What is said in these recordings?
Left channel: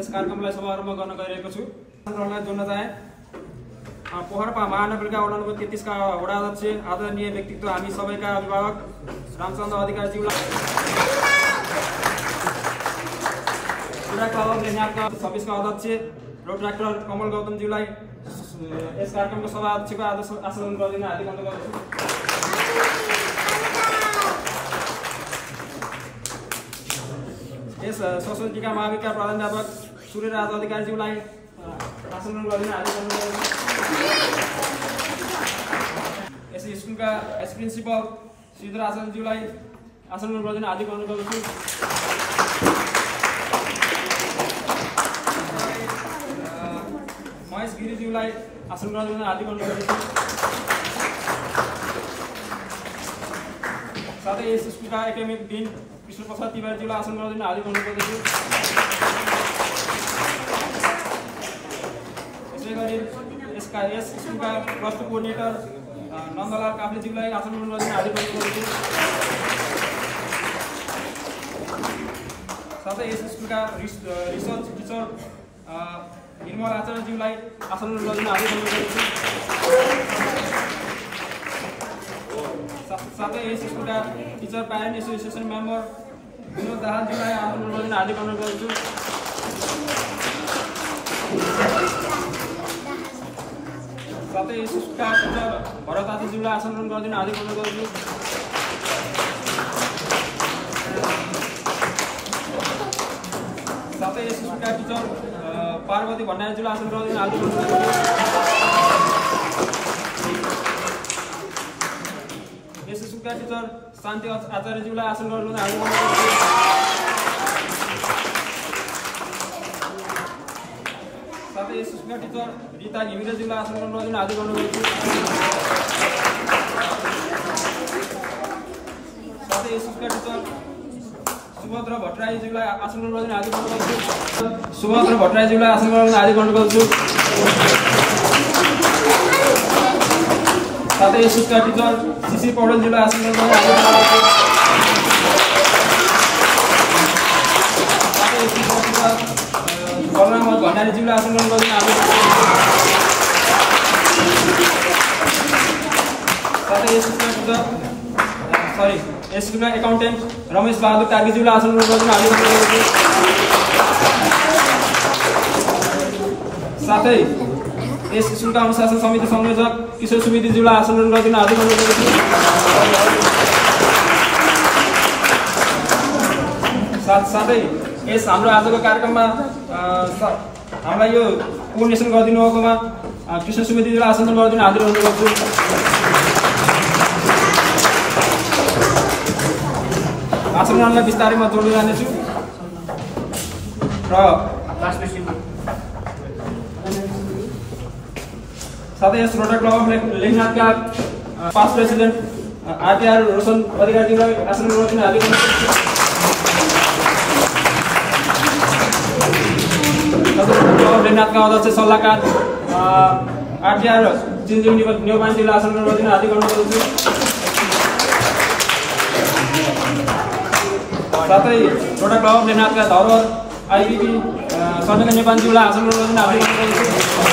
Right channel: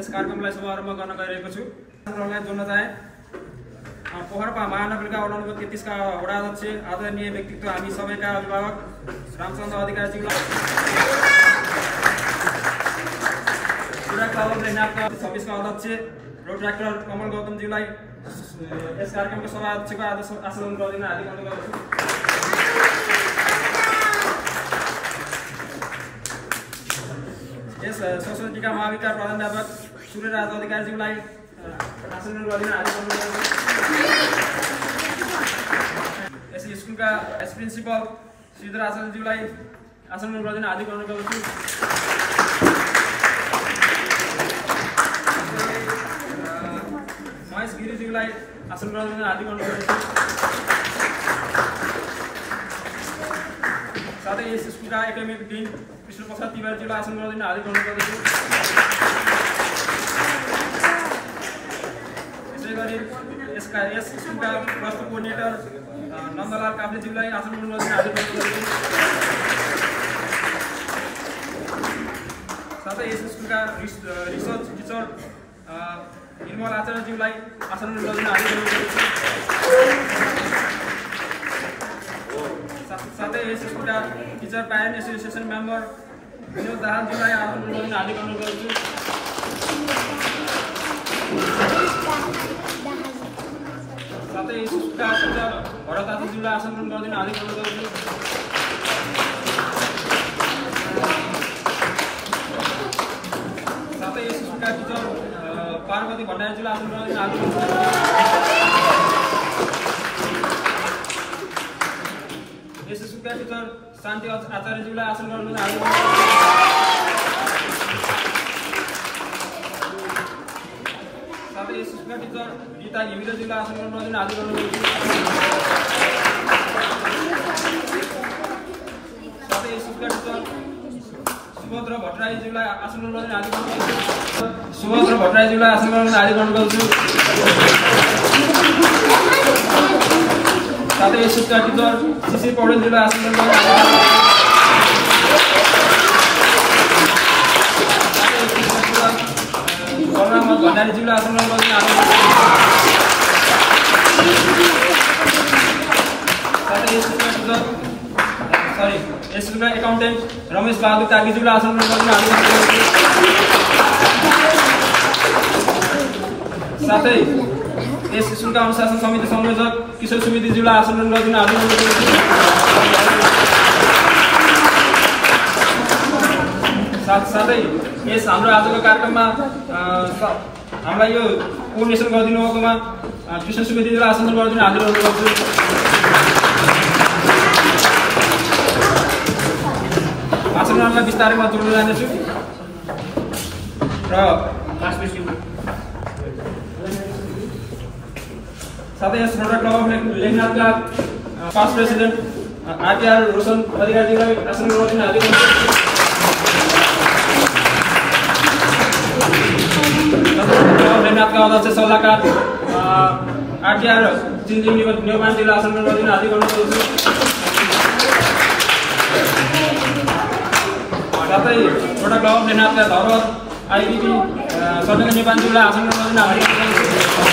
यस कार्यक्रमलाई शुभारम्भ गर्न गइरहेको छु। कार्यक्रमलाई जोड्न चाहे पोखरा महानगरपालिका वडा नम्बर 33 का वडा अध्यक्ष आदरणीय व्यक्तित्व हामी सबैका अभिभावक रामचन्द्र अधिकारीज्यूलाई, जिल्ला क्लब लेखनाथका 26 का अध्यक्ष रोड डाक्टर कमल गौतमज्यूलाई यस कार्यक्रमको सभा अध्यक्षको आसन गरिदिन हार्दिक अनुरोध गर्दछु। यस सोसाइटीका महाविद्यालयका प्राध्यापक सूर्यराज अधिकारीज्यूलाई आसन गरिदिन हार्दिक अनुरोध गर्दछु। यस स्कुलका एस प्रिन्सिपल श्रीधर आचार्यज्यूलाई आसन गरिदिन हार्दिक अनुरोध गर्दछु। महेश गिरिज्यूलाई आसन गरिदिन हार्दिक अनुरोध गर्दछु। साथै यस स्कुलका एकाडेमिक डिन कृष्ण प्रसाद तिवारीज्यूलाई आसन गरिदिन हार्दिक अनुरोध गर्दछु। यसै गरी यस स्कुलका प्लस टू कोअर्डिनेटर नन्दलाल काफ्लेज्यूलाई आसन गरिदिन हार्दिक अनुरोध गर्दछु। साथै यस स्कुलका रिसर्च टिचर निर्मल आचार्यज्यूलाई आसन गरिदिन हार्दिक अनुरोध गर्दछु। साथै यस स्कुलका teacher parent association member Binod दाहालज्यूलाई आसन गरिदिन हार्दिक अनुरोध गर्दछु। साथै यस स्कुलका टिचर भरत आचार्यज्यूलाई आसन गरिदिन हार्दिक अनुरोध गर्दछु। साथै यस स्कुलका टिचर पार्वती भण्डारीज्यूलाई आसन गरिदिन हार्दिक अनुरोध गर्दछु। यस स्कुलका टिचर शान्ति आचार्यज्यूलाई आसन गरिदिन हार्दिक अनुरोध गर्दछु। साथै यस स्कुलका टिचर रीता घिमिरेज्यूलाई आसन गरिदिन हार्दिक अनुरोध गर्दछु। साथै यस स्कुलका टिचर सुभद्र भट्टराईज्यूलाई आसन गरिदिन हार्दिक अनुरोध गर्दछु। सुभद्र भट्टराईज्यूलाई आसन गरिदिन हार्दिक अनुरोध गर्दछु। साथै यस स्कुलका टिचर शिशिर पौडेलज्यूलाई आसन गरिदिन हार्दिक अनुरोध गर्दछु। साथै यस स्कुलका बलराम भण्डारीज्यूलाई आसन गरिदिन हार्दिक अनुरोध गर्दछु। साथै यस स्कुलका यस स्कुलका एकाउन्टेन्ट रमेश बहादुर तागीज्यूलाई आसन गरिदिन हार्दिक अनुरोध गर्दछु। साथै यस स्कुलका अनुशासन समिति संयोजक किशोर सुवेदीज्यूलाई आसन गरिदिन हार्दिक अनुरोध गर्दछु। साथै यस हाम्रो आजको कार्यक्रममा हामीलाई यो कोअर्डिनेसन गरिदिनु भएकोमा कृष्ण सुवेदीज्यूलाई आसन गरिदिन हार्दिक अनुरोध गर्छु। आचरणलाई बिस्तारै म जोड्दै जानेछु र साथै यस रोड क्लब अफ लेखनाथका पास्ट प्रेसिडेन्ट आरटीआर रोशन अधिकारीज्यूलाई आसन गरिदिन हार्दिक अनुरोध गर्छु। लेखनाथका अध्यक्ष सल्लाहकार आरटीआर चिन्जिङ नेवानज्यूलाई आसन गरिदिन हार्दिक अनुरोध गर्छु। साथै रोड क्लब अफ लेखनाथका धरोहर आइबिपी सर्वेका नेपालज्यूलाई आसन गरिदिन हार्दिक अनुरोध गर्छु।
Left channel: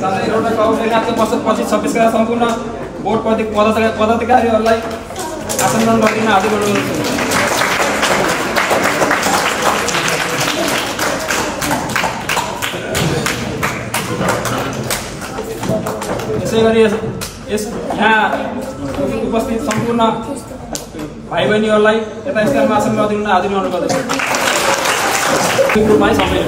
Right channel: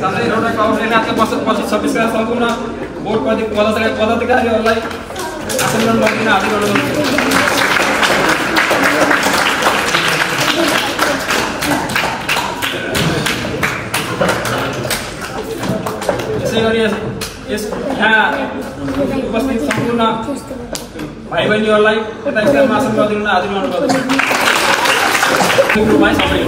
साथै रोड क्लब अफ लेखनाथका 26 का सम्पूर्ण बोर्ड पदाधिकारीहरूलाई आसन गरिदिन हार्दिक अनुरोध गर्छु। यसै गरी यहाँ उपस्थित सम्पूर्ण भाइ बहिनीहरूलाई यता स्थानमा आसन गरिदिन हार्दिक अनुरोध गर्दछु। ग्रुपमा सबै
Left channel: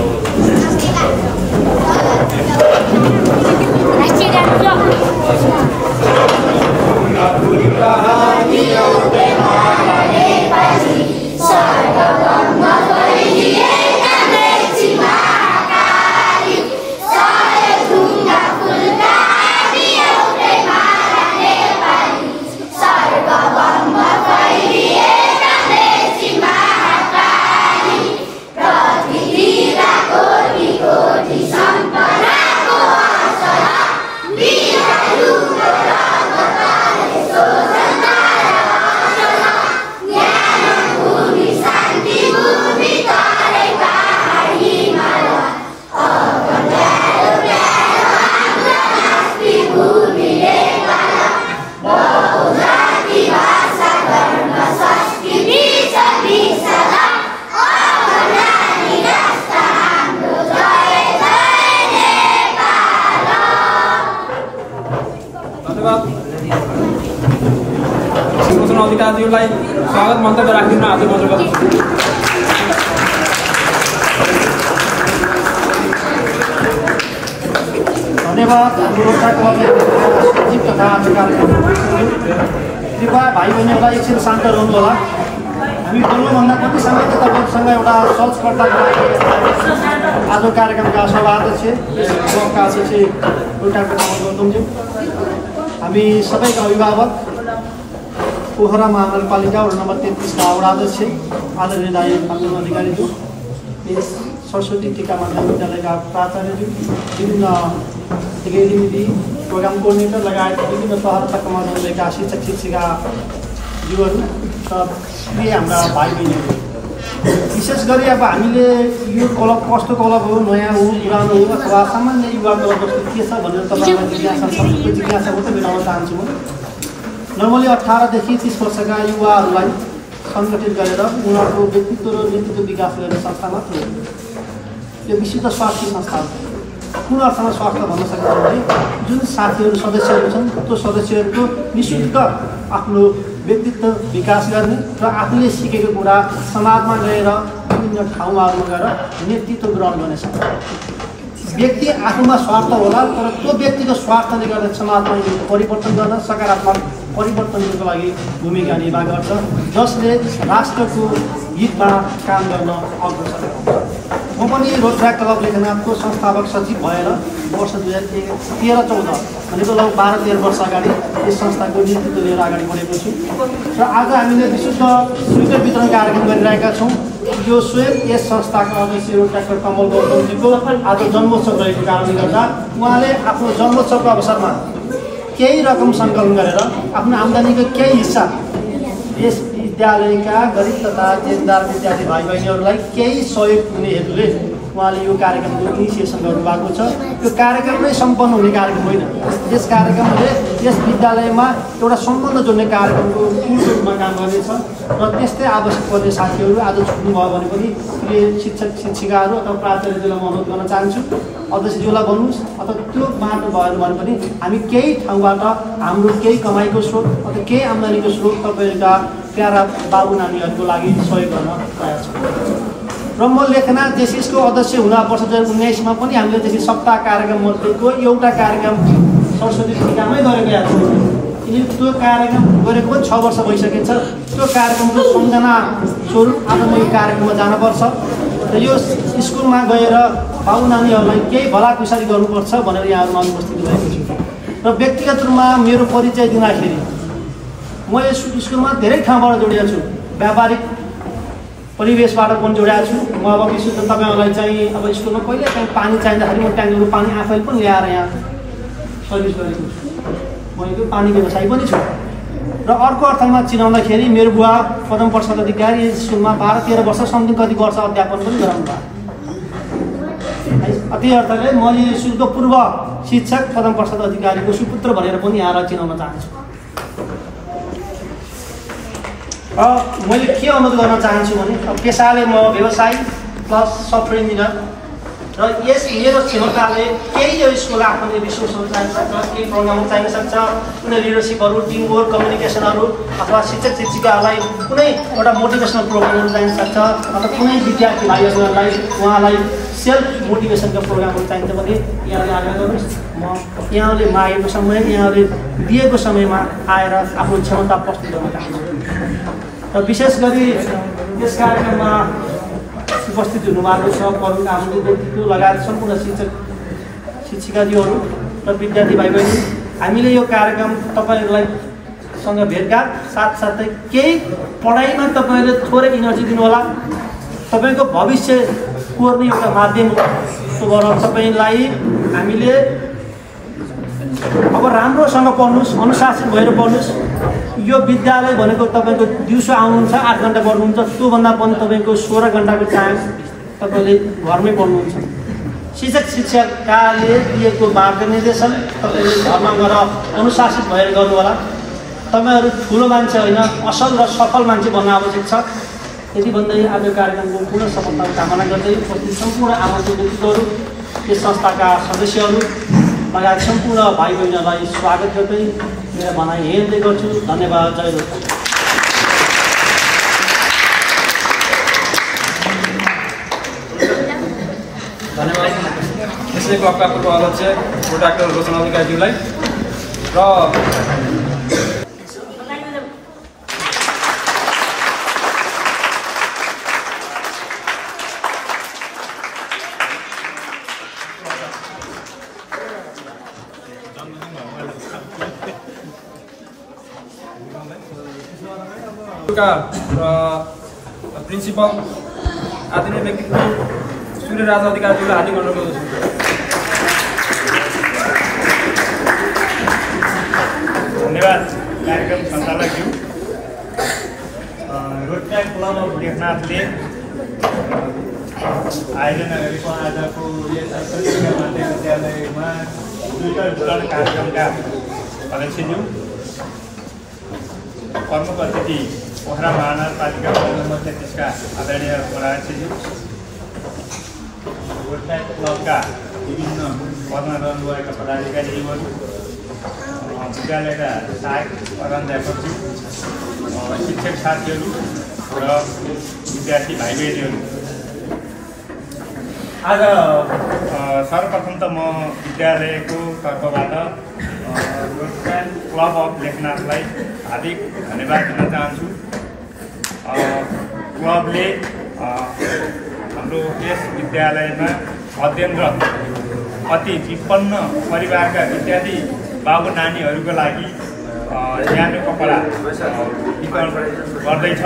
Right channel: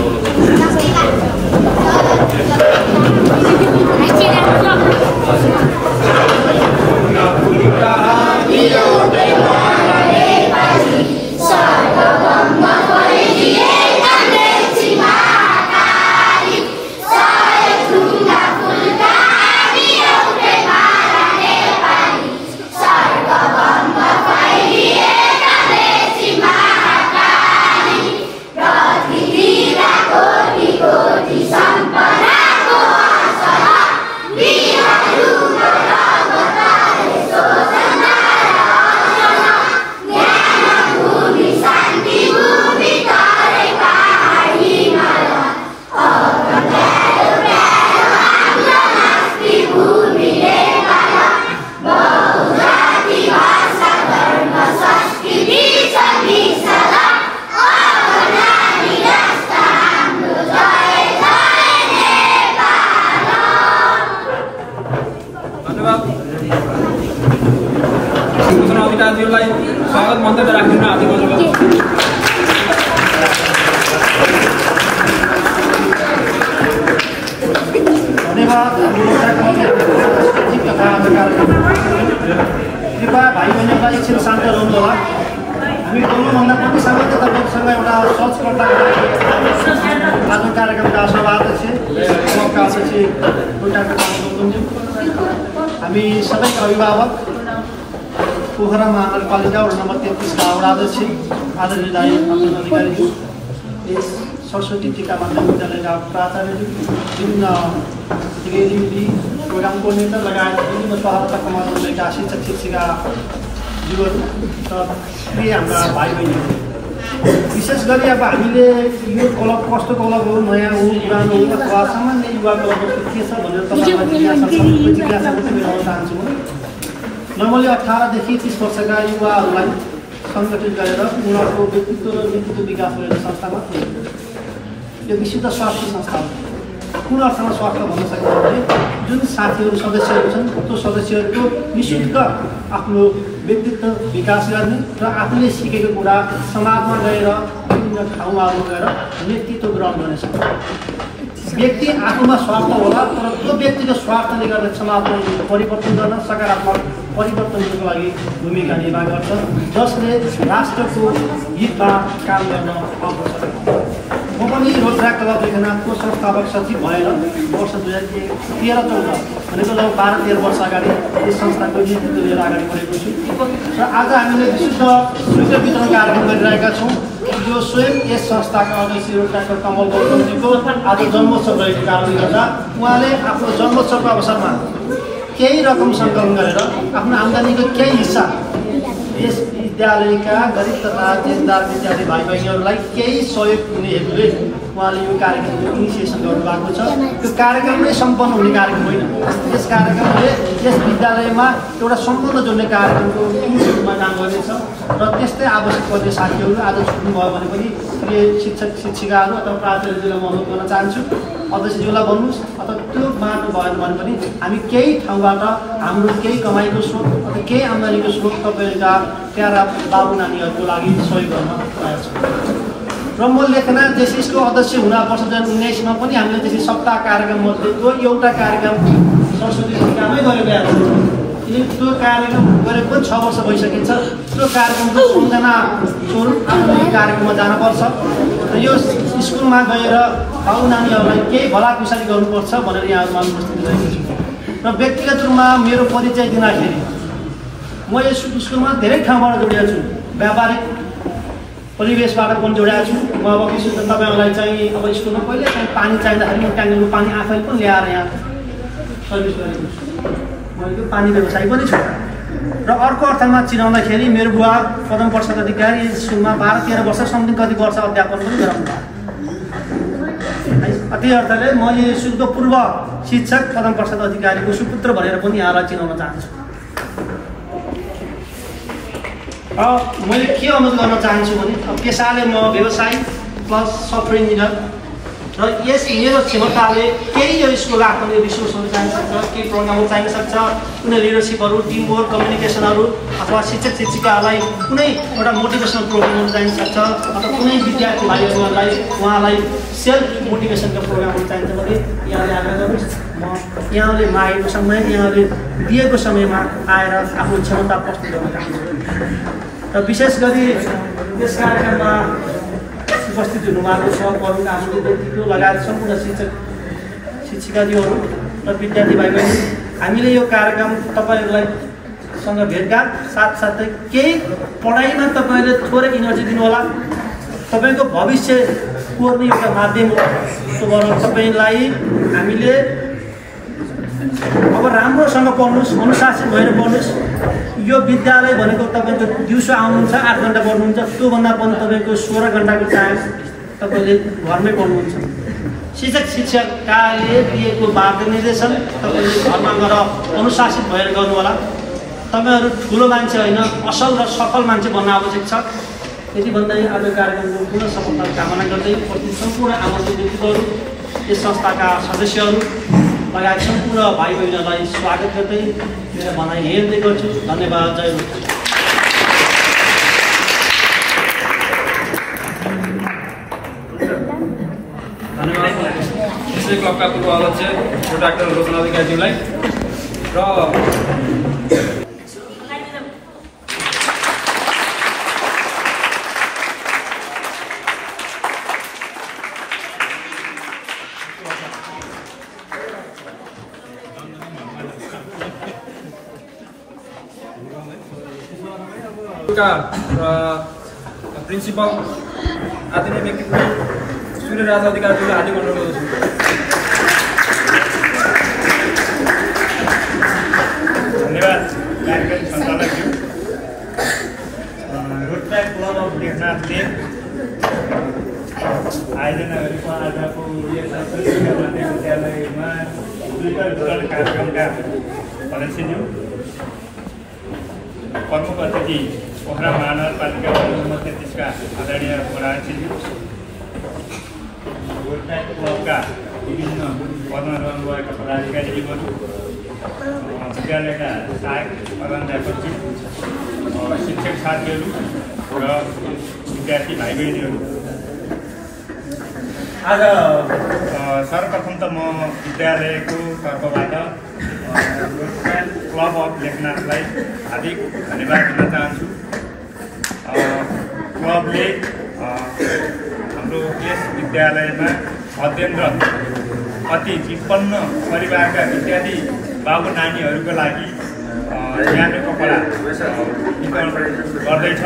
साथीहरूलाई स्वागत मन्तव्य राखिदिन हार्दिक अनुरोध गर्दछु। धन्यवाद। हाम्रो तथा आज कार्यक्रम कृपया भाइ बहिनीहरूलाई एकछिन शान्त रहनु होला। हामी बोल्नुभन्दा कति समय त तपाईँसँग एउटा सर्चकर्ताको लागि आज कार्यक्रमका सभाध्यक्ष ब्लकका अध्यक्ष एउटा गर्नुहुन्थ्यो। हामी सबैका अभिभावक पोखरा महानगरपालिका वडा नम्बर 33 का वडा अध्यक्ष आदरणीय दाइ पार्वती अधिकारीज्यू, यस सरस्वती टीका माध्यमिक विद्यालयका प्राचार्यज्यू, विभिन्न दिदी प्रोग्राम कोर्डिनेटर लगायत विभिन्न तह तथा कमानमा रहेका शिक्षक शिक्षिकाज्यूहरू र प्रिय हाम्रा भाइ बहिनीहरू, विशेष गरी अब हामीले यो क्लब कस्तो क्लब हो, नयाँ हो, पुरानो हो अथवा सामान्य युवा क्लब कस्तो के छ भनेर तपाईँलाई जिज्ञासा छ। त्यो जिज्ञासा मात्रै मिलाउन चाहन्छु म। नर्मली 18 देखि 30 वर्षका युवाहरूलाई सङ्गठित गरेर उनीहरूको व्यक्तित्व र नेतृत्व विकास गर्ने संस्था मात्र हो। यो विशुद्ध स्वास्थ्य संस्था हो। कुन अर्थमा स्वास्थ्य भन्न सकिन्छ भने जुन साथीहरू सदस्यहरू छन् त्यो सदस्यहरूको निःशुल्क आफ्नो व्यक्तित्व विकास गर्ने र आफूले सिकेको कुरा समाजमा गएर विभिन्न ठाउँमा गएर नेतृत्व ग्रहण गर्नेछ। व्यक्ति आफूमा स्वार्थ होला तर त्यो व्यक्तिको स्वार्थले गर्दा समाजमा परिवर्तन गर्न सकारात्मक परिवर्तनको लागि भूमिका निर्वाह गर्छ, जसले राष्ट्रको हितमा काम गर्न अग्रसर हुन्छ। म पनि रोजगार क्लब लेखनाथको संस्थापक सचिव भएर वर्ष 2013-14 भनेको लगभग 12-13 वर्ष अगाडि यस संस्थाको नेतृत्व लिएर अगाडि बढेको छु र आज हामीले विशुद्ध स्वीकृति वितरण कार्यक्रम गरिरहेका छौँ। यो स्वयं यस संस्थाका अध्यक्ष डाक्टर कमल गौतमजीको आज जन्मोत्सव रहेको कारणले गर्दा उहाँले आफ्नो जन्मोत्सवको अवसरमा केही रकम सङ्कलन गरेर आफ्नो आम्दानीको केही हिस्सा यस विद्यालयका गरिब तथा देनदार विद्यार्थी भाइ बहिनीहरूलाई केही सहयोग हुने हेतुले उहाँले यो कार्यक्रमको इनिसिएसन गर्नुभएको छ। यो कार्यक्रम नै सम्पन्न हुने कार्यक्रम होइन। यस कार्यक्रमले यस विद्यालयमा एउटा सम्बन्ध जोड्ने कार्यक्रमको रूपमा काम गर्नेछ र त्यस्तै आवश्यक पर्ने साथीहरू आज छुट्नुभयो भने पनि प्रिय शिक्षक शिक्षिकाहरू अथवा प्राचार्यज्यूलाई म अनुरोध गर्न चाहन्छु, अध्यक्षज्यूलाई भन्नुहोस् अथवा त्यो बाटो भएन भने पनि हामी केही ठाउँबाट हाम्रो केही कमाइको स्रोत अथवा केही आम्दानीको स्रोत तपाईँहरूका प्यारा बाबु नानीहरूको लागि सहयोग गर्न तयार छौँ। र म लेखनाथ जेसिसको अध्यक्ष हुँदा वर्ष 2019 पनि हामीले त्यसै सप्ताह कार्यक्रम मध्येको एउटा कार्यक्रम सरस्वती टीकामै गरेको याद छ। किनकि त्यो कार्यक्रम गरेको पनि 6 वर्ष भइसकिन्छ। त्यो कार्यक्रमको सम्झना स्वरूप आज यो कार्यक्रममा जानुपर्छ र यो स्कुलमा गएर बाबु नानीहरूलाई केही भलाकुसारी गर्नुपर्छ भनेर यहाँहरूमा अनुपस्थित रहेको छु। र व्यक्तिगत रूपमा मेरो परिचय दिँदाखेरि म यस स्कुलमा धेरै ठाउँबाट जोडिएको छु, व्यापारिक परिवेशबाट पनि जोडिएको छु। म अब विशुद्ध तपाईँहरूलाई चाहिँ अब स्कुलमा कहिले चाहिँ पानी चाहिँदाखेरि म ट्याङ्कीको पानी आफैले पनि ल्याएर यहाँ सर्भिस गरेको छु। म यो पानी व्यवसायी पनि छु। र अर्को अर्थमा चिनाउँदाखेरि मेरो बुवा पदम प्रसाद अधिकारी स्कुलमा 12-13 वर्ष समथिङ कति वर्ष अध्यापन पनि गराउनु भयो। त्यही अर्थले म यो स्कुलको पूर्व शिक्षक पदम प्रसाद अधिकारीको सुपुत्र भनेर पनि यहाँलाई चिनाउन चाहन्छु। र मैले के अनुरोध गर्न चाहन्छु भने पेसाले म व्यवसायी प्लस सफ्टवेयर इन्जिनियर र यस मेरो क्षमताले केही यो स्कुललाई आफ्नो रिसोर्सहरू चाहिन सक्छ, केही प्रोग्रामहरू चाहिन सक्छ, कुनै लिडरसिपहरू, टिम वर्क, कम्युनिकेसनहरू अथवा शिक्षक शिक्षिकाहरूलाई कुनै एउटा मोटिभेसनल प्रोग्रामहरू चाहिन सक्छ अथवा कुनै विद्यार्थी भाइहरूलाई उहाँलाई सेल्फ मोटिभेसनका प्रोग्रामहरू चाहिन्छ भने यहाँले आग्रह गर्नुहोस्। म यहाँले मागेको समय यहाँले दिएको समयमा आएर आफ्नो क्षमता प्रस्तुत गर्न चाहन्छु। र विशेष गरी यस कार्यक्रममा उपस्थित हुनुभएको छ प्रमुख हाम्रो व्यक्तित्व लगायत सम्पूर्ण शिक्षक शिक्षिकाज्यूहरू र विद्यार्थी भाइ बहिनी, हामीले यो कार्यक्रम तपाईँहरूलाई सँग भेटघाट साथसाथै केही पढाइमा तपाईँहरूले थोरै इनर्जी दिनुहोला। तपाईँको भविष्य कोर्ने एउटा माध्यम हो। तपाईँलाई हामीले अब राम्रोसँग पढ्नुहोस्, अनुशासित भएर पढ्नुहोस्। यो विद्यालय भनेको तपाईँको दिउँसो आउनुहुन्छ 8 घन्टा पढ्नुहुन्छ, त्योभन्दा पनि तपाईँको 16 घन्टाको टाइम तपाईँले घरमै पढ्नुहुन्छ। शिक्षक शिक्षकले दिएको मार्गनिर्देशन तपाईँले घरमा गएर अनुशासित भएर गर्नु होला। तपाईँहरू ठुलो मान्छे होइन, असल र सफल मान्छे बन्न आवश्यक छ। यति भन्दै आज कार्यक्रमको पूर्ण सफलताको कामना गर्दै उपस्थित सम्पूर्ण आमन्त्रित व्यक्तित्वहरू, यस संस्थाका सदस्यहरू लगायत सम्पूर्ण भाइ बहिनीहरूलाई स्वागत गर्दै मेरो भनाइ हेर्दै गर्छु। धन्यवाद। जय होस्। धन्यवाद यसै क्लबका पूर्व अध्यक्ष डाक्टर लोचन अधिकारीज्यूलाई र प्रिन्सिपल आदरणीय व्यक्तित्व सूर्य राजा अधिकारीज्यूलाई हार्दिक अनुरोध गर्दछु। धन्यवाद कार्यक्रम सञ्चालकज्यू। रोटरी क्लब अफ लेखनाथले आयोजना गरेको आजको यस विद्यालयमा ट्विटर वितरण कार्यक्रमका अध्यक्षज्यू, प्रमुख अतिथि पोखरा महानगरपालिका वार्ड नम्बर 33 का आदरणीय अध्यक्षज्यू, रोटरी क्लबका विभिन्न पदमा रहनुभएका पदाधिकारीहरू, विद्यालयका सहायक प्रधानाध्यापकज्यू, शिक्षक साथीहरू र विद्यार्थी भाइ बहिनीहरू, आज सर्वप्रथम त म विद्यालयको तर्फबाट रोटरी क्लब अफ लेखनाथलाई हार्दिक धन्यवाद दिन चाहन्छु। क्लबले हाम्रो यस विद्यालयमा अध्ययनरत अति विपन्न परिवारका विद्यार्थी बाबु नानीहरूको लागि न्यानो कपडा वितरण गर्दैछ।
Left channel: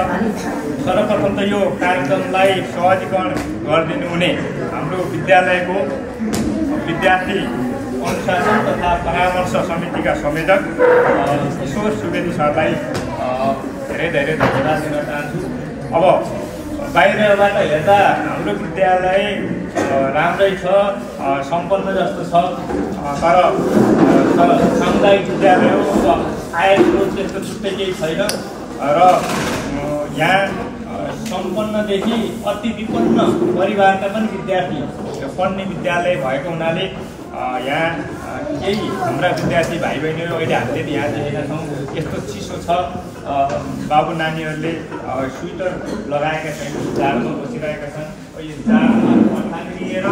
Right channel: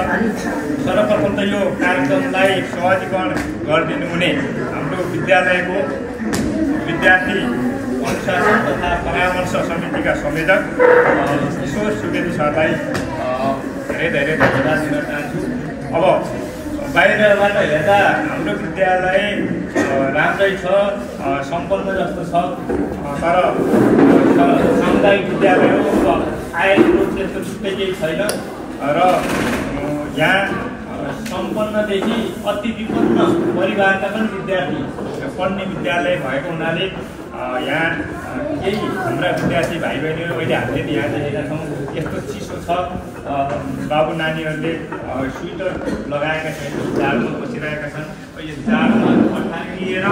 सर्वप्रथम त यो कार्यक्रमलाई सहजीकरण गरिदिनु हुने हाम्रो विद्यालयको विद्यार्थी अनुशासन तथा परामर्श समितिका संयोजक किशोर सुवेदी सरलाई धेरै धेरै धन्यवाद दिन चाहन्छु। अब बाहिरबाट हेर्दा हाम्रो विद्यालय राम्रै छ, सम्पन्न जस्तो छ, तर सामुदायिक विद्यालयको आय स्रोत त्यस्तो छुट्टै केही छैन र यहाँ सम्पन्नदेखि अति विपन्न परिवारका पनि विद्यार्थी पढ्ने विद्यालय भएको हुनाले यहाँ केही हाम्रा विद्यार्थी भाइ बहिनीहरू अहिले हामीले यहाँ देखेका छौँ यस्तो चिसो छ, बाबु नानीहरूले स्वेटर लगाएका छैन, जाडोमा बसिरहेका छन्। यो जाडोमा लिएर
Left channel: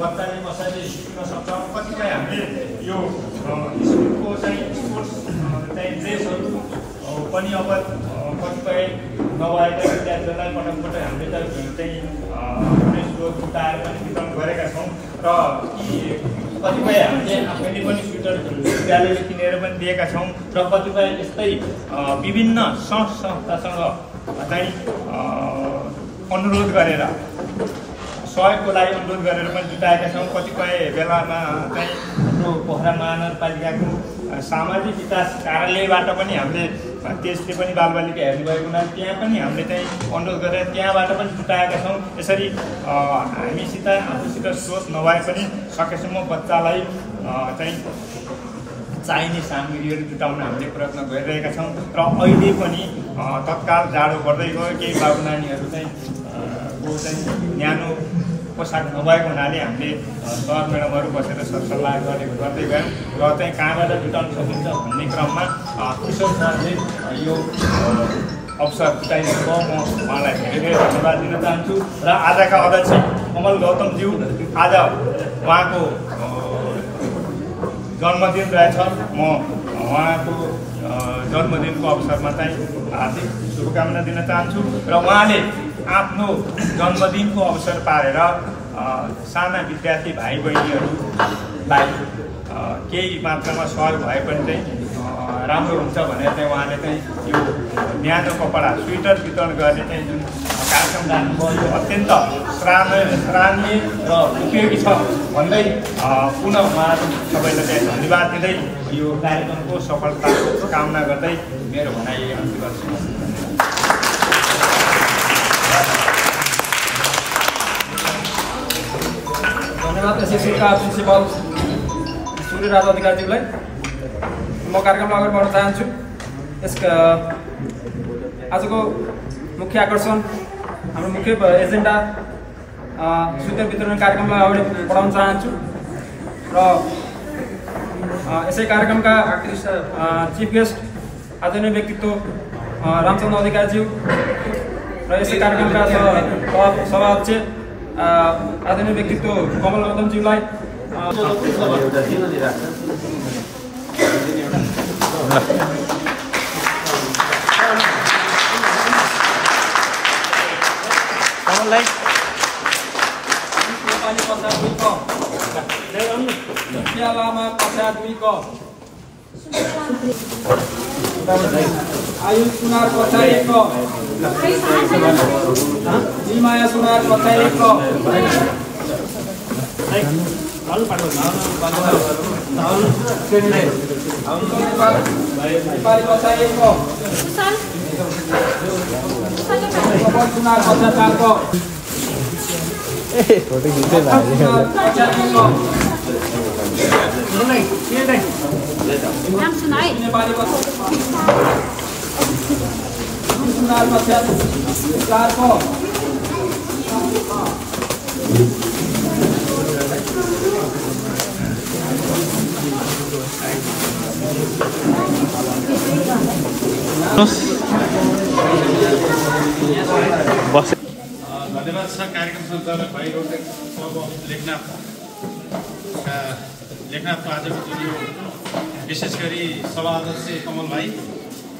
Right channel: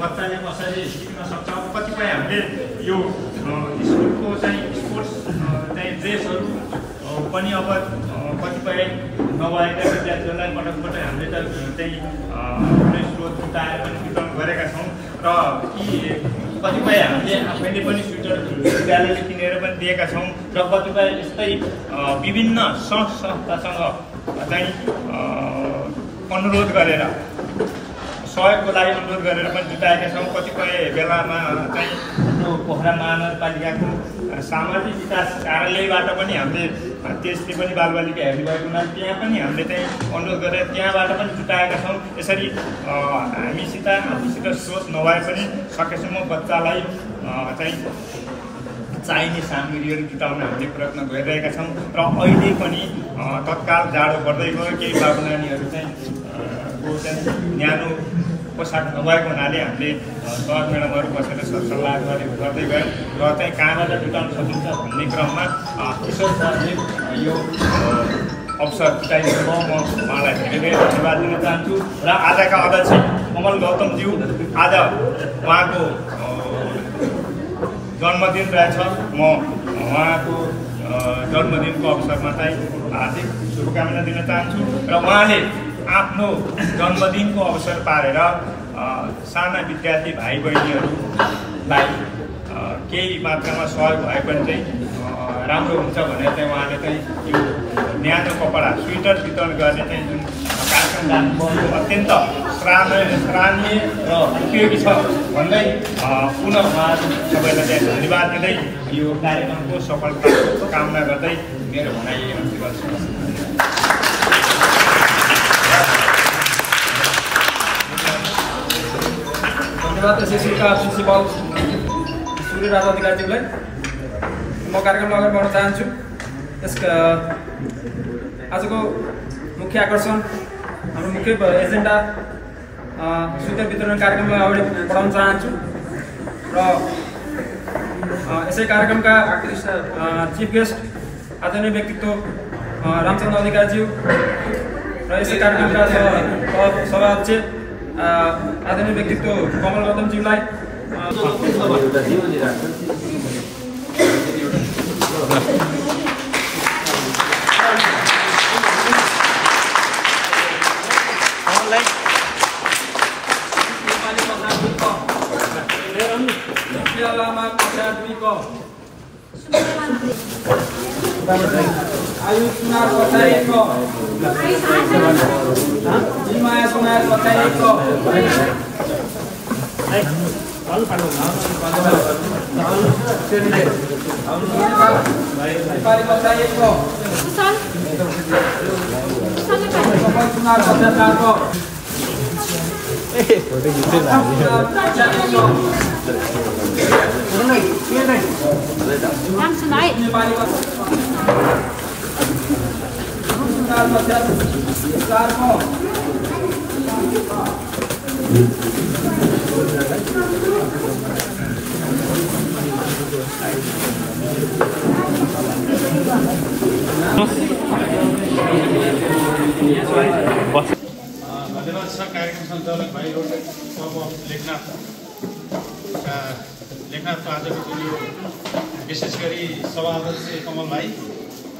बच्चाले कसरी सिक्न सक्छ। कतिपय हामीले यो स्कुलको चाहिँ स्पोर्ट्स चाहिँ ड्रेसहरू पनि अब कतिपय नभएका विद्यार्थीहरूलाई पटक पटक हामीले त चाहिँ ड्रेसहरू जुटाएर पनि वितरण गरेका छौँ र कतिपय हामीले आफैले पनि स्वेटर विद्यालयले किनेर पनि दिएका छौँ र कतिपय यस्तै विभिन्न संस्थासँग चाहिँ अनुरोध गरेर सहयोगको लागि अनुरोध गरेर पनि जुटाएका छौँ। कतिपय बेलामा चाहिँ हाम्रो पोखरा महानगरपालिकाको सामाजिक विकास कार्यालयबाट पनि हामीले त्यसले पनि बालबालिका हेर्नुभएको हुनाले त्यहाँ पनि हामीले चाहिँ अनुरोध गरेर त्यहाँबाट पनि जुटाएका छौँ। यसरी हामीसित आफूसित स्रोत नभए पनि सकेसम्म बच्चालाई चाहिँ चाहिने सामग्रीहरू जुटाउन हामीले प्रयत्न गरिरहेका छौँ र अहिले पनि तत्काल जाडो बढ्दै गयो, केही बाबु नानीहरू चाहिँ न्यानो पोसाक नभएको हुनाले हामीले सर म्याडमहरू बसेर सरसल्लाह गर्दै गयौँ र चाहिँ कहाँबाट जुटाउन सकिन्छ भन्ने क्रममा किशोर सरले यो अवसर जुटाइदिनु भयो। म उहाँलाई धेरै धेरै धन्यवाद दिन चाहन्छु र आजका अध्यक्ष कमल गौतमज्यू, आज उहाँको जन्मदिन रहेछ। म उहाँको जन्मदिनको अवसरमा चाहिँ हार्दिक शुभकामना दिन चाहन्छु र उहाँले आफ्नो जन्मदिनको अवसर पारेर साना विद्यार्थी भाइ बहिनीहरूलाई केही मात्रामा सहयोग भए पनि चाहिँ राम्रो हुन्छ भनेर चाहिँ उहाँले चाहिँ यो न्यानो कपडा स्वेटर वितरण गर्ने चाहिँ जुन कार्यक्रम राख्नुभयो अत्यन्त सराहनीय र उपयोगी छ भन्दै पुनः उहाँहरू सबैलाई चाहिँ धन्यवाद दिँदै यो कार्यक्रमको सफलताको कामना गर्दै मेरो भनाइ अन्त्य गर्छु। धन्यवाद एसएससीका प्रिन्सिपल सूर्य राजा अधिकारीज्यूलाई। म कार्यक्रमलाई अगाडि बढ्न चाहन्छु। यसका आजको मुख्य आकर्षण हाम्रो मुख्य एजेन्डा स्वेटर वितरण कार्यक्रमलाई अगाडि बढाउन चाहन्छु र यसै कार्यक्रमका चिफ गेस्ट आदरणीय व्यक्तित्व रामचन्द्र अधिकारीज्यू र यसै कार्यक्रमका सभाध्यक्ष आदरणीय व्यक्तित्व कमल गौतमज्यूलाई आयुष सुनार कछारी 1 जिमाया सुनार कछारी 1 नेपाली कछारी 1 सुनार कछारी 4 नेपाली धन्यवाद छ कार्यक्रम सञ्चालक भाइ लेखनाथको आजको भिडियो विशेष गरी सभा अध्यक्ष कमल भाइ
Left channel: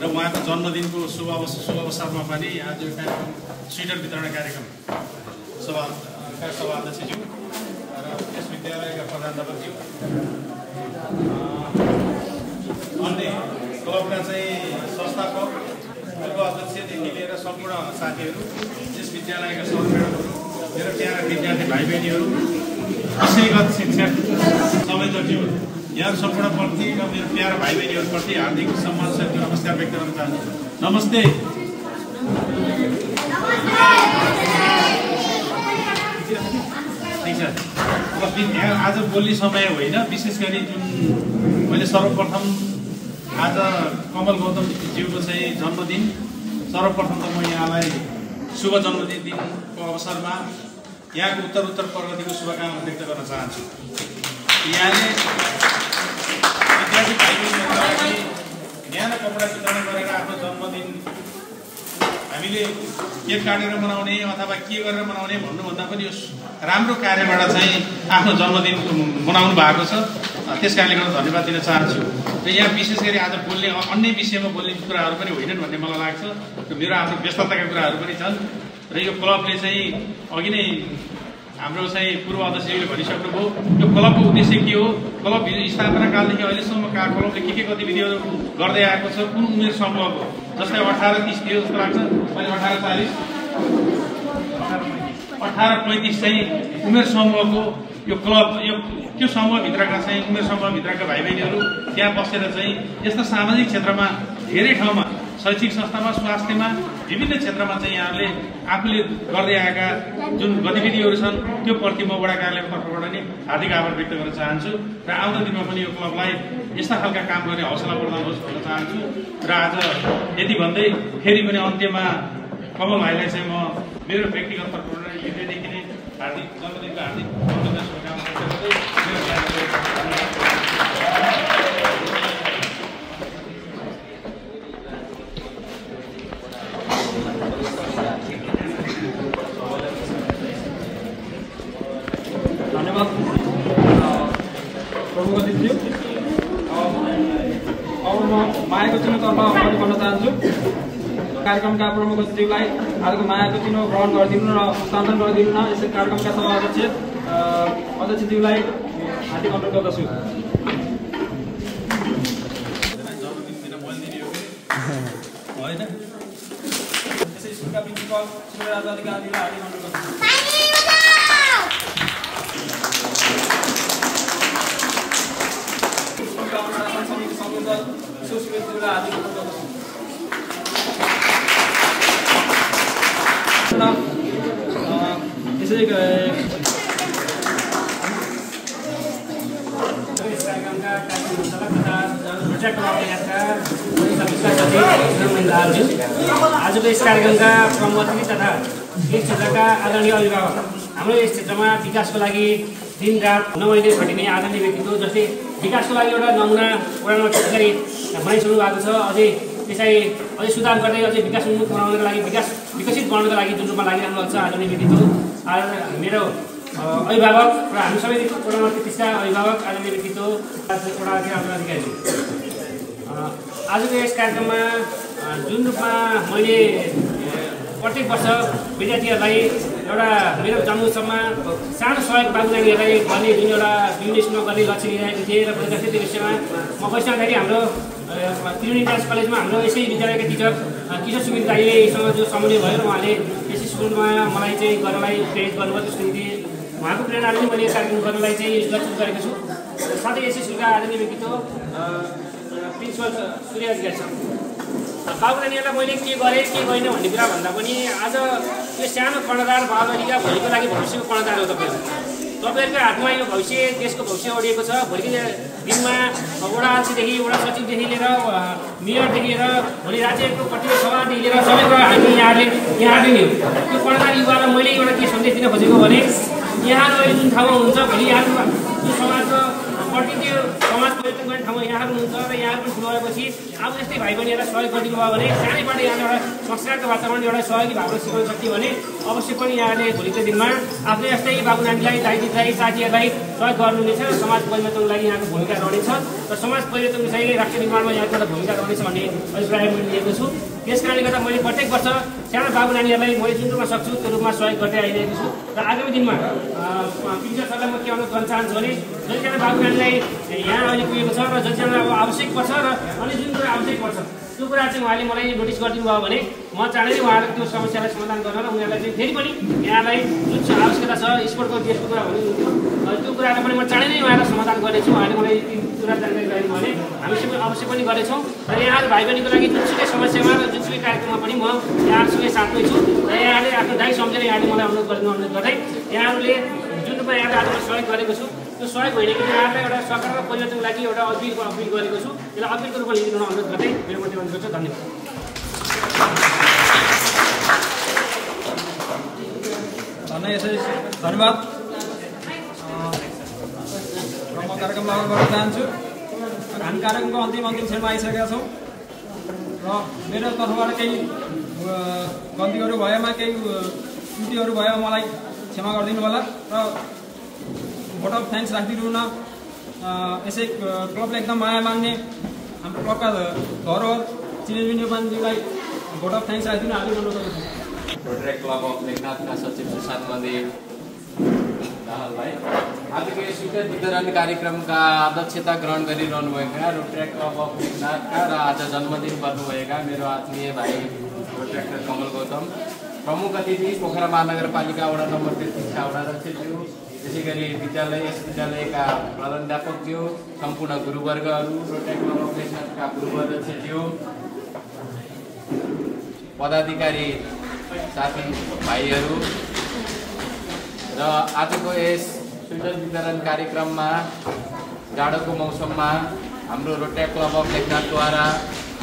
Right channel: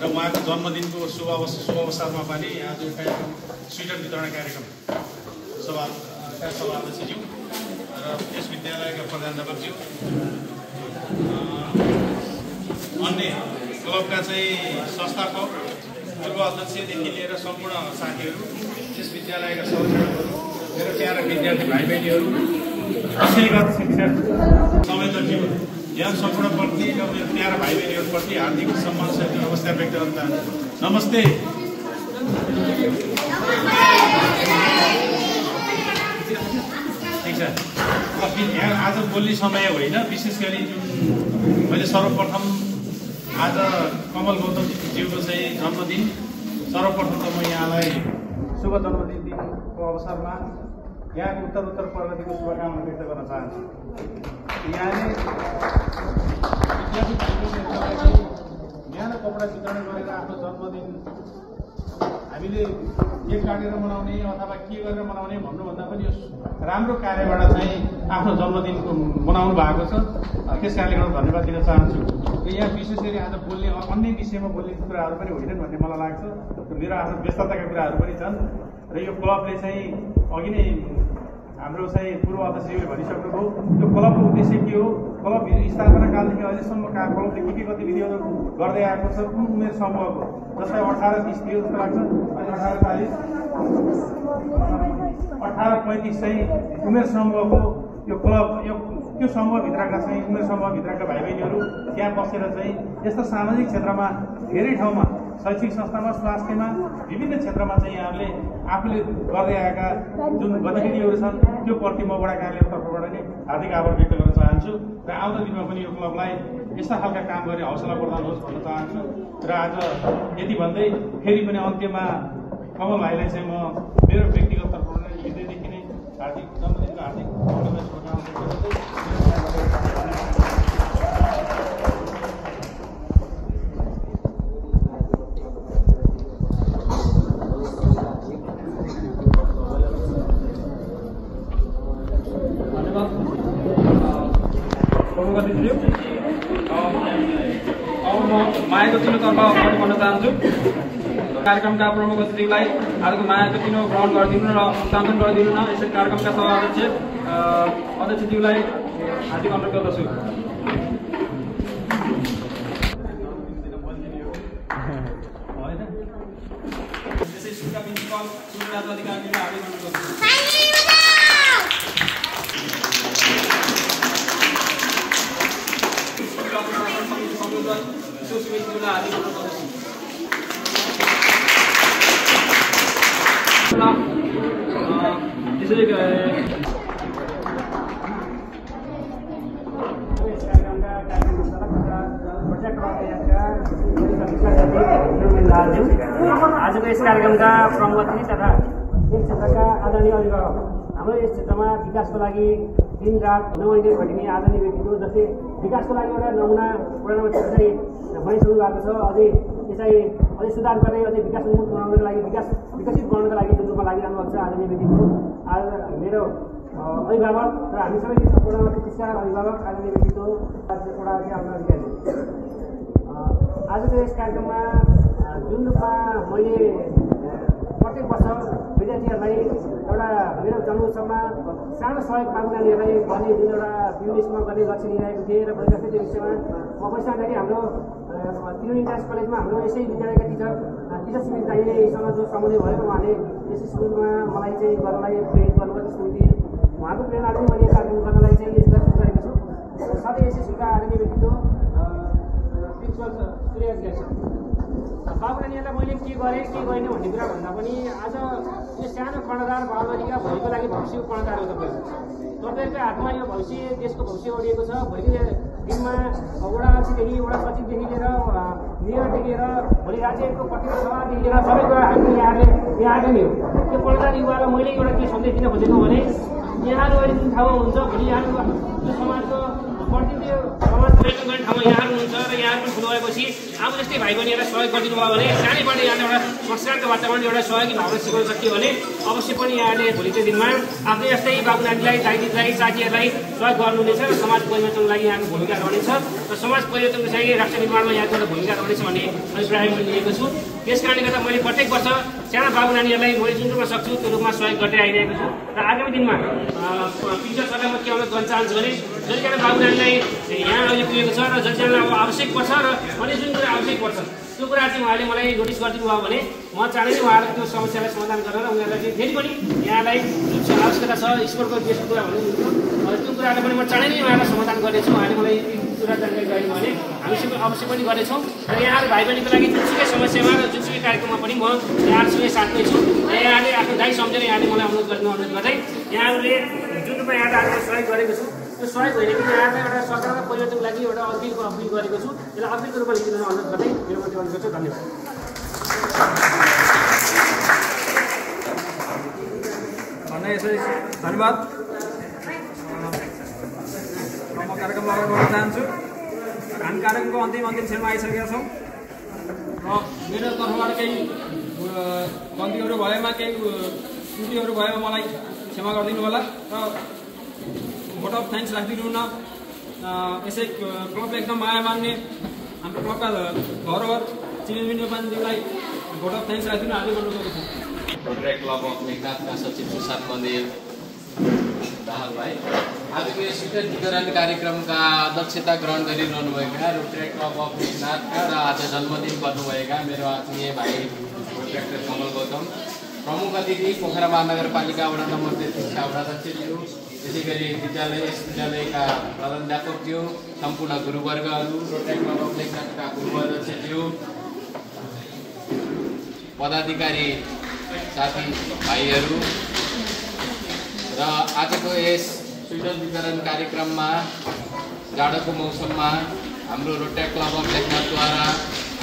र उहाँको जन्मदिनको शुभ अवसरमा पनि आज एउटा स्वेटर वितरण कार्यक्रम सभा अध्यक्षज्यू र यस विद्यालयका प्रधानाध्यापकज्यू अन्य क्लबका चाहिँ संस्थापक पूर्व अध्यक्षदेखि लिएर सम्पूर्ण साथीहरू यस विद्यालयका सदस्यहरू मेरो प्यारा विद्यार्थी भाइ बहिनीहरू विषयगत शिक्षक संयोजकज्यू यहाँ सम्पूर्णप्रति र मेरो प्यारा भाइ बहिनीहरूप्रति हार्दिक सम्मान सहित नमस्कार व्यक्त गर्न चाहन्छु। नमस्ते। ठिक छ। आज बोल्ने समय होइन, विशेष गरी जुन मैले सर्वप्रथम आज कमल गौतमज्यूको चाहिँ जन्मदिन, सर्वप्रथम त म यहाँलाई शुभ जन्मदिन दिनको अवसरमा यहाँको उत्तर प्रगतिको शुभकामना व्यक्त गर्न चाहन्छु। यहाँले विद्यार्थी भाइबहिनीहरूको लागि न्यानो कपडा वितरण गरेर आफ्नो जन्मदिन हामीले केक काटेर मनाउने अथवा के गरेर मनाउने भन्नुभन्दा पनि यो राम्रो कार्यबाट चाहिँ आफ्नो जन्मदिन मनाउनु भएको छ। त्यस कारणले गर्दा धन्यवाद दिन चाहन्छु। र यहाँ विशेष गरी आज बोल्ने अन्य विषयमा बोल्ने कुराहरू पनि होइनन् भन्ने मलाई लाग्छ। र मेरो आफ्नो व्यस्तताका कुराहरू पनि छन्। र यो क्लबले चाहिँ अघि नै हाम्रो चाहिँ पूर्व अध्यक्षले भनिसक्नुभयो, यो क्लबको उद्देश्य के हो, क्लब स्थापना कालदेखि अहिलेसम्म क्लबले के गतिविधिहरू गर्दै आएको छ, कुन उमेर समूहको, जस्तै 18-30 थियो जस्तो लाग्छ, 18-40 18-35 चाहिँ उमेर समूहको यो क्लब, यो त्यो समूहभित्रका चाहिँ उमेर समूहभित्रका भाइ बहिनीहरू त्यहाँ बसेर चाहिँ यस्ता सामाजिक क्षेत्रमा धेरै ठाउँमा शैक्षिक संस्थामा, स्वास्थ्यमा, विभिन्न क्षेत्रमा चाहिँ यहाँले आफूले गर्दै आएका जुन गतिविधिहरू छन् त्यो प्रति म वडा कार्यालयको तर्फबाट नै हार्दिक आभार व्यक्त गर्न चाहन्छु। र आउँदो दिनमा पनि यो क्लबलाई यस्ता खालका काम गर्ने हौसला प्रदान होस् भन्न चाहन्छु। र आज यति भन्दै फेरि पनि अन्त्यमा कमल भाइलाई चाहिँ म मेरो व्यक्तिगत तर्फबाट हृदयदेखि नै हार्दिक जन्मदिनको हार्दिक शुभकामना व्यक्त मायाको चिनो तर्फ भन्न चाहन्छु। कार्यक्रमका प्रमुख अतिथिलाई आजको मायाको चिनो ग्रहण गरिदिनु र हस्तान्तरण गरिदिनु न। यसै कार्यक्रमका सभा अध्यक्षज्यूलाई हार्दिक अनुरोध गर्दछु। आजको यस कार्यक्रमका प्रमुख अतिथि तथा यस क्षेत्रका आदरणीय अभिभावक, हाम्रो यस क्षेत्रमा विकासको लागि दिनरात नमैले खटिने आदरणीय व्यक्तित्व, जसले विकासको लागि एउटा नमुना पुरानो गरी बनाइसक्नु भएको छ। अझै त्यसलाई अझै सुधार गर्दै अझै विकास उन्मुख बनाउनको लागि विकसित बनाउनको लागि जुन रूपमा लागिरहनु छ आदरणीय व्यक्तित्व आज मेरो अभिभावक र हामी सबै पूर्णवर्ती त्यसका अभिभावक आदरणीय व्यक्तित्व एउटा अधिकारी आजको यस कार्यक्रममा जुन रूपमा मैले प्रत्येक वर्ष विद्यार्थीहरूलाई एउटा मेरो जन्मोत्सवमा सानो सहयोग बाबु नानीहरूलाई गर्ने जुन एउटा विभिन्न स्कुलमा गर्ने लक्ष्य लिइरहेको थिएँ र विद्यार्थी विषयमा म बसिरहँदाखेरि हाम्रो त्रिवेणी डान्स कलेजमा हाम्रो यसै विद्यालयका टिचर किशोर सुमित दाईलेसँग जो समन्वय भयो र उहाँले यस स्कुलमा मलाई चाहिँ गर्नलाई प्रेरित गर्नुभयो त्यसको निम्ति उहाँको प्रेरणाले नै मैले कार्यक्रम गर्नलाई चाहिँ लक्षित गरेको छु साथै यस स्कुलका आदरणीय व्यक्तित्व प्रिन्सिपल सूर्य अधिकारी छ बाबु नानीहरूलाई मैले के गरेँ के गरिनँ भन्ने कुरा भन्दा पनि आज यो सानो कर्णधार बालबालिका भोलिको लागि भविष्यको कर्णधार हो तपाईँहरूको हातमा यो भविष्य देशको भविष्य ओढिएको छ भोलिको दिनमा वडा अध्यक्षदेखि वडा सचिवदेखि लिएर मेयरदेखि लिएर भोलि राज्यको प्रतिनिधि सभादेखि लिएर सबै कुरा हामी यहाँले नै हो त्यो कर्णधार युवालाई मैले एउटा के सन्देश दिन खोजेको भने यहाँहरू अहिले जुन ठाउँमा हुनुहुन्छ भोलि यहाँहरू जुन समाजको प्रतिनिधि समाज परिवर्तन गर्ने ठाउँमा यहाँहरू हुनुहुन्छ र यहाँहरू पनि ठुलो भएपछि अब यस्तै भाइ बहिनीहरूलाई सहयोग गरिदिनु भयो भने सानैबाट यहाँले एउटा संस्कारको वातावरण एउटा सहयोगी भावना सिकाउन सकियो भने अवश्य पनि यहाँले भोलिको दिनमा आफ्नो यस्तै बाबु नानीलाई दाइ दिदीलाई साथीहरूलाई सहयोग गर्नुहुनेछ र समाज परिवर्तनको लागि यहाँको भूमिका रहनेछ र समाज परिवर्तनको चाहिँ राष्ट्र निर्माणमा यहाँको एउटा भूमिका रहनेछ भन्ने अभिप्राय मैले लिएको छु त्यस कारणले गर्दा मैले प्रत्येक वर्ष साना बाबु नानीहरूलाई मैले जुन रूपमा सक्छु त्यो रूपमा सहयोग गर्दै आइरहेको छु र आगामी दिनमा प्रिन्सिपल सरलाई म के अनुरोध गर्न चाहन्छु भने जतिजना बाबु नानीलाई यहाँ अहिले पुगेको छ र जतिजना अब आवश्यक पर्छ र अनि जुन कुरा आवश्यक पर्छ त्यो कुरा चाहिँ उहाँले मलाई नोटिस गरिदिनु भयो भने म चाँडै नै उहाँलाई त्यो समस्यालाई समाधान गर्न र उनीहरूलाई चाहिँ फेरि पनि यहाँलाई जुन आवश्यकता छ स्पोर्टको देशको कुरा भन्नुहुन्थ्यो त्यो कुरालाई पनि म चाँडै नै उहाँलाई समाधान गर्नेछु उहाँले मलाई कुरा जानकारी गराउनु भने हामी सबै अवश्य पनि गर्नेछौँ र यहाँहरू भाइ बहिनीको लागि जुनसुकै समस्यामा र जुनसुकै कार्यक्रममा पनि म यहाँहरूसँगै साथमै छु र यहाँले आफ्नो दाइ सम्झेर यहाँले मलाई अनुरोध गर्दै यहाँहरूले जुन रूपमा यहाँले आज सहयोग गरेको छु त्यो सहयोग होइन कि यहाँलाई एउटा सकारात्मक परिवर्तनको लागि एउटा अपिल गरेको छु त्यसलाई अपिलको रूपमा लिनु अनुरोध गर्दै मेरो प्रतिबन्ध गर्छु धन्यवाद धन्यवाद म कार्यक्रम लगाएर गर्न चाहन्छु हामी कार्यक्रमको अन्तिम क्षणमा आइसकेका छौँ र मेरो तर्फबाट केही गल्तीहरू भएमा केही त्रुटिहरू भयो मलाई क्षमा गरिदिनु होला र भोट अफ थ्याङ्क्स राखिदिनु न यसै क्लबले एकदम माया मान्ने हाम्रो क्लबका धरोहर चिनिने नेपालीलाई भोट अफ थ्याङ्क्स राखिदिनु हार्दिक अनुरोध गर्दछु रोटरी क्लब अफ लेखनाथका सचिव सुशान्त मन्दिर दाहाल भाइ आजको यो स्वीकृत वितरण कार्यक्रमका अध्यक्षता ग्रहण गरिरहनुभएका रोटरी क्लब अफ लेखनाथका र आज जन्मदिन गर्नुभएका मेरो आत्मीय भाइ डाक्टर कमल गौतम प्रमुख अतिथि पोखरा महानगरपालिका वडा नम्बर 33 का वडाध्यक्षज्यू त्यसै गरी यस विद्यालयका प्रधानाध्यापकज्यू सम्पूर्ण गुरुवर्गहरू रोटरी क्लब अफ लेखनाथका गुरुअध्यक्षज्यू पदाधिकारी साथी भाइहरू र आजको यस स्वेटर वितरण कार्यक्रममा जाडोको मौसममा हाम्रो रोटरी क्लब अफ लेखनाथद्वारा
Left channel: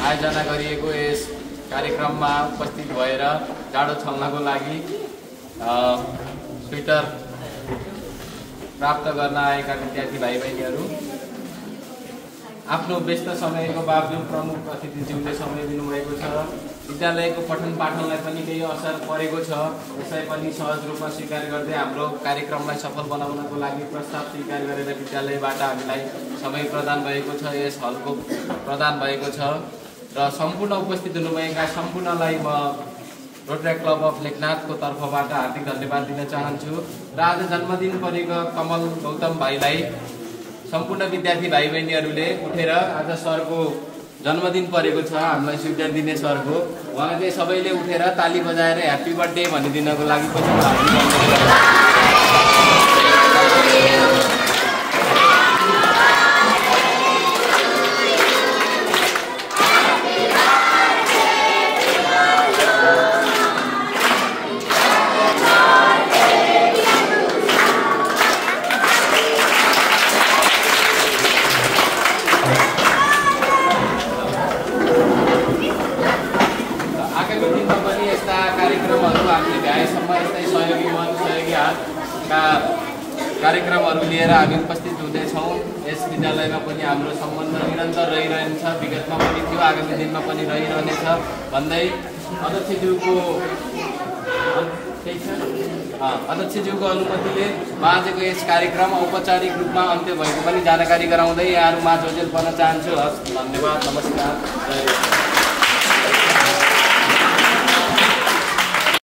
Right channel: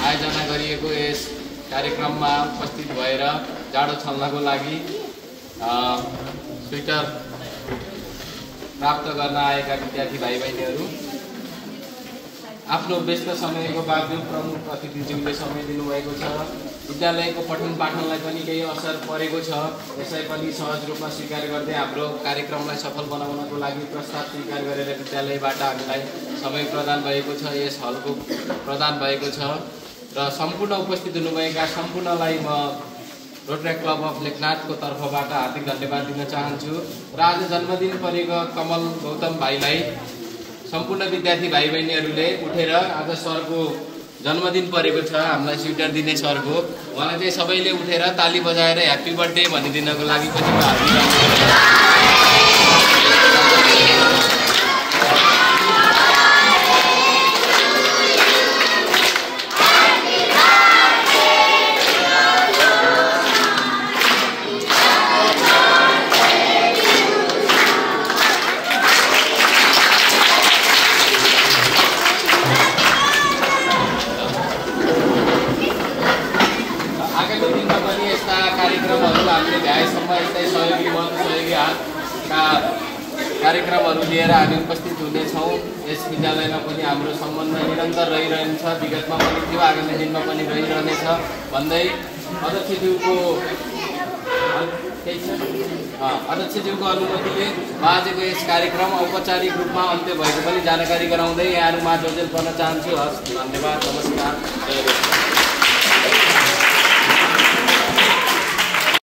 आयोजना गरिएको यस कार्यक्रममा उपस्थित भएर जाडो छल्नको लागि स्वेटर प्राप्त गर्न आएका विद्यार्थी भाइ बहिनीहरू आफ्नो व्यस्त समयको बावजुद प्रमुख अतिथिज्यूले समय दिनुभएको छ विद्यालयको पठन पाठनलाई पनि केही असर परेको छ यसलाई पनि सहज रूपमा स्वीकार गर्दै हाम्रो कार्यक्रमलाई सफल बनाउनको लागि प्रस्ताव स्वीकार गरेर विद्यालयबाट हामीलाई समय प्रदान भएको छ यस हलको प्रदान भएको छ र सम्पूर्ण उपस्थित हुनुभएका सम्पूर्णलाई म रोटरी क्लब अफ लेखनाथको तर्फबाट हार्दिक धन्यवाद दिन चाहन्छु र आज जन्मदिन परेको कमल गौतम भाइलाई सम्पूर्ण विद्यार्थी भाइ बहिनीहरूले उठेर आज सरको जन्मदिन परेको छ हामीलाई स्वेटर दिने सरको उहाँले चाहिँ सबैले उठेर ताली बजाएर ह्याप्पी बर्थडे भनिदिनको लागि पनि सहयोगी हात हुनेछौँ। यस विद्यालयमा पनि हाम्रो सम्बन्ध निरन्तर रहिरहन्छ, विगतमा पनि थियो, आगामी दिनमा पनि रहिरहनेछ भन्दै अध्यक्षज्यूको अनुमतिले आजको यस कार्यक्रम औपचारिक रूपमा अन्त्य भएको पनि जानकारी गराउँदै यहाँहरूमा जोजेल पर्न चाहन्छु। हस्, धन्यवाद, नमस्कार।